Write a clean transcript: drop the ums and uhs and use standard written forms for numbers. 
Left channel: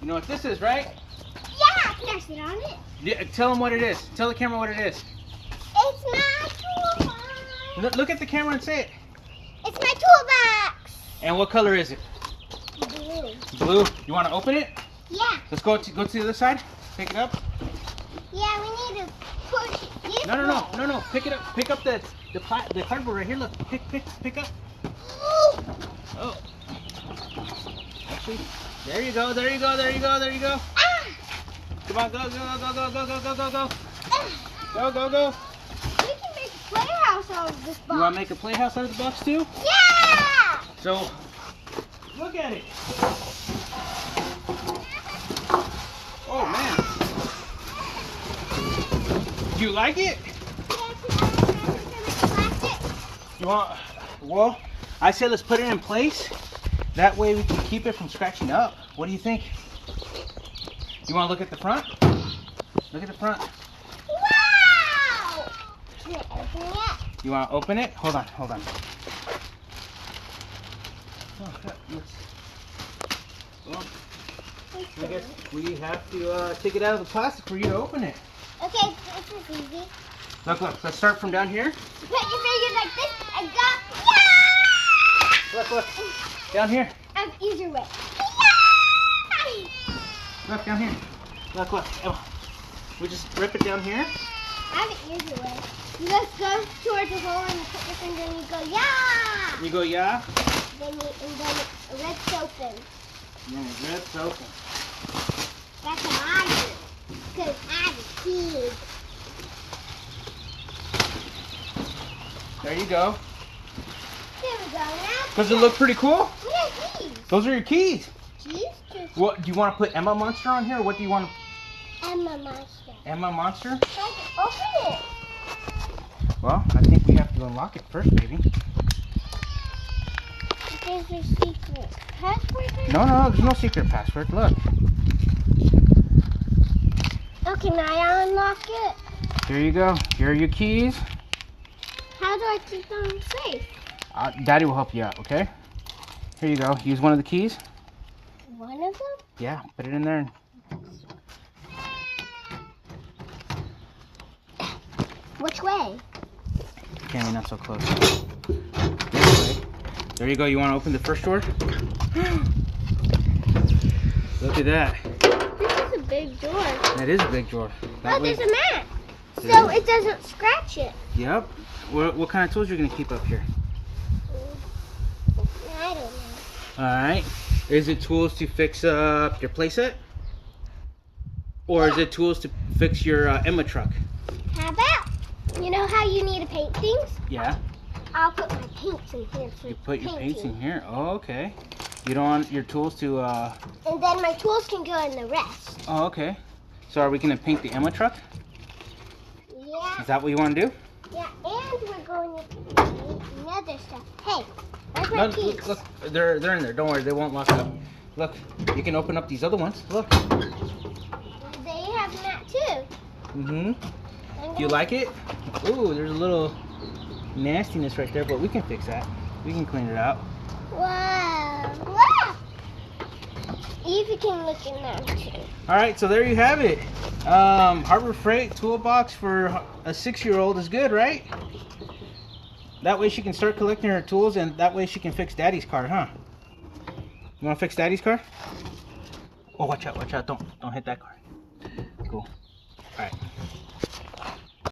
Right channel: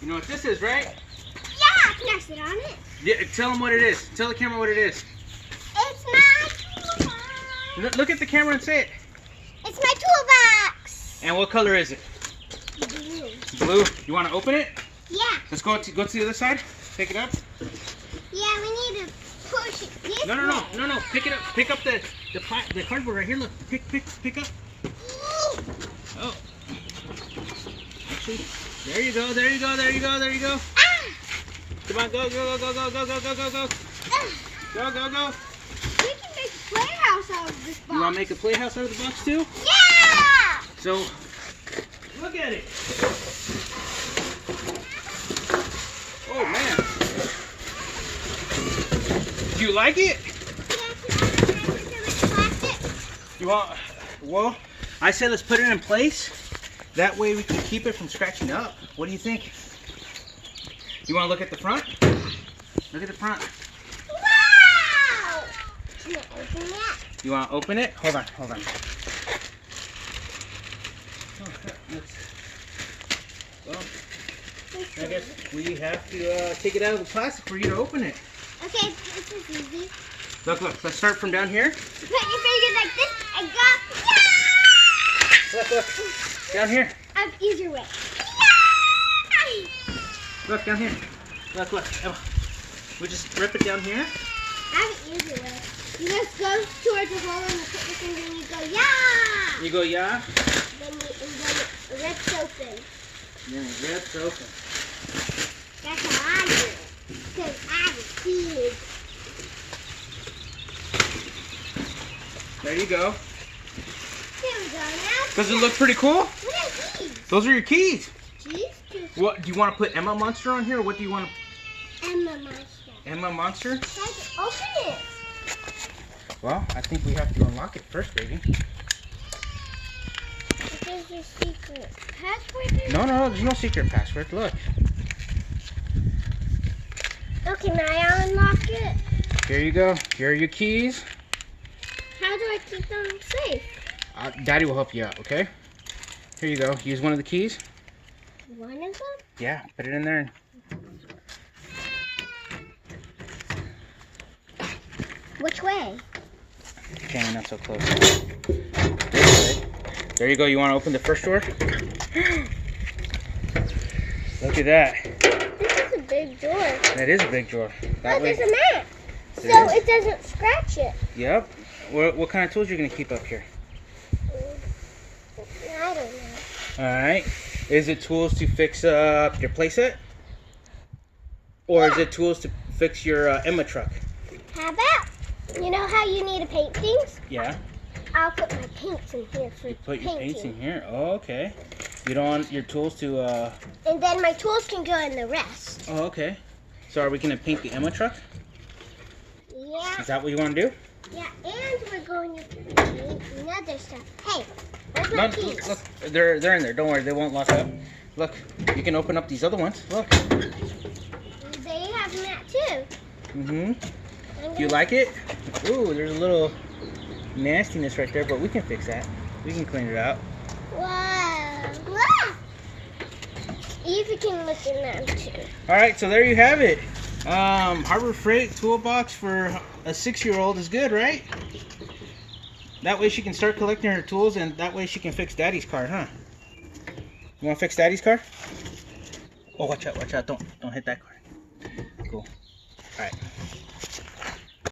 You know what this is, right? Yeah, can I sit on it? Yeah, tell them what it is. Tell the camera what it is. It's my toolbox. Look at the camera and say it. It's my toolbox. And what color is it? Blue. Blue. You want to open it? Yeah. Let's go to the other side. Pick it up. Yeah, we need to push it this No. way. Pick it up. Pick up the cardboard right here. Look. Pick up. Oh. Actually, there you go. Ah! Come on, go. Go. We can make a playhouse out of this box. You want to make a playhouse out of the box too? Yeah! So, look at it. Oh man. Do you like it? You want? Well, I said let's put it in place. That way we can keep it from scratching up. What do you think? You want to look at the front? Look at the front. Wow! Can I open it? You want to open it? Hold on. Oh, well, I guess we have to take it out of the plastic for you to open it. Okay, this is easy. Look. Let's start from down here. Put your fingers like this and go. Yeah! Look. Down here. I have easier way. Yeah! Look, down here. Look. Emma. We just rip it down here. I have an easier way. You just go towards the hole and you put your finger and you go, yeah! You go, yeah? Then it rips open. Yeah, rips open. That's how I do it. Because I'm a kid. There you go. There we go. Now Does it look pretty cool? what are these? Those are your keys. Cheese? Just What do you want to put Emma Monster on here? Or what do you want? Emma Monster. Emma Monster? Guys, open it. Well, I think we have to unlock it first, baby. There's a secret password there? No, there's no secret password. Look. Okay, now I unlock it. Here you go. Here are your keys. How do I keep them safe? Daddy will help you out, okay? Here you go. Use one of the keys. One of them? Yeah, put it in there. Which way? Okay, not so close. There you go. You want to open the first door? Look at that. This is a big door. That is a big drawer. That way. There's a mat. There So is? it doesn't scratch it. Yep. What kind of tools are you gonna keep up here? I don't know. All right. Is it tools to fix up your playset, or is it tools to fix your Emma truck? How about, you know how you need to paint things? Yeah. I'll put my paints in here for You put your painting. paints in here. Oh, okay. You don't want your tools to. And then my tools can go in the rest. Oh, okay. So are we gonna paint the Emma truck? Yeah. Is that what you want to do? Yeah, and we're going to paint another stuff. Hey, where's my keys? Look, they're in there. Don't worry, they won't lock up. Look, you can open up these other ones. Look. They have them that too. Mm-hmm. Do you like it? Ooh, there's a little nastiness right there, but we can fix that. We can clean it out. Wow. Wow. Evie can look in there too. All right, so there you have it. Harbor Freight toolbox for a 6-year-old is good, right? That way she can start collecting her tools, and that way she can fix Daddy's car, huh? You want to fix Daddy's car? Oh, watch out! Don't hit that car. Cool.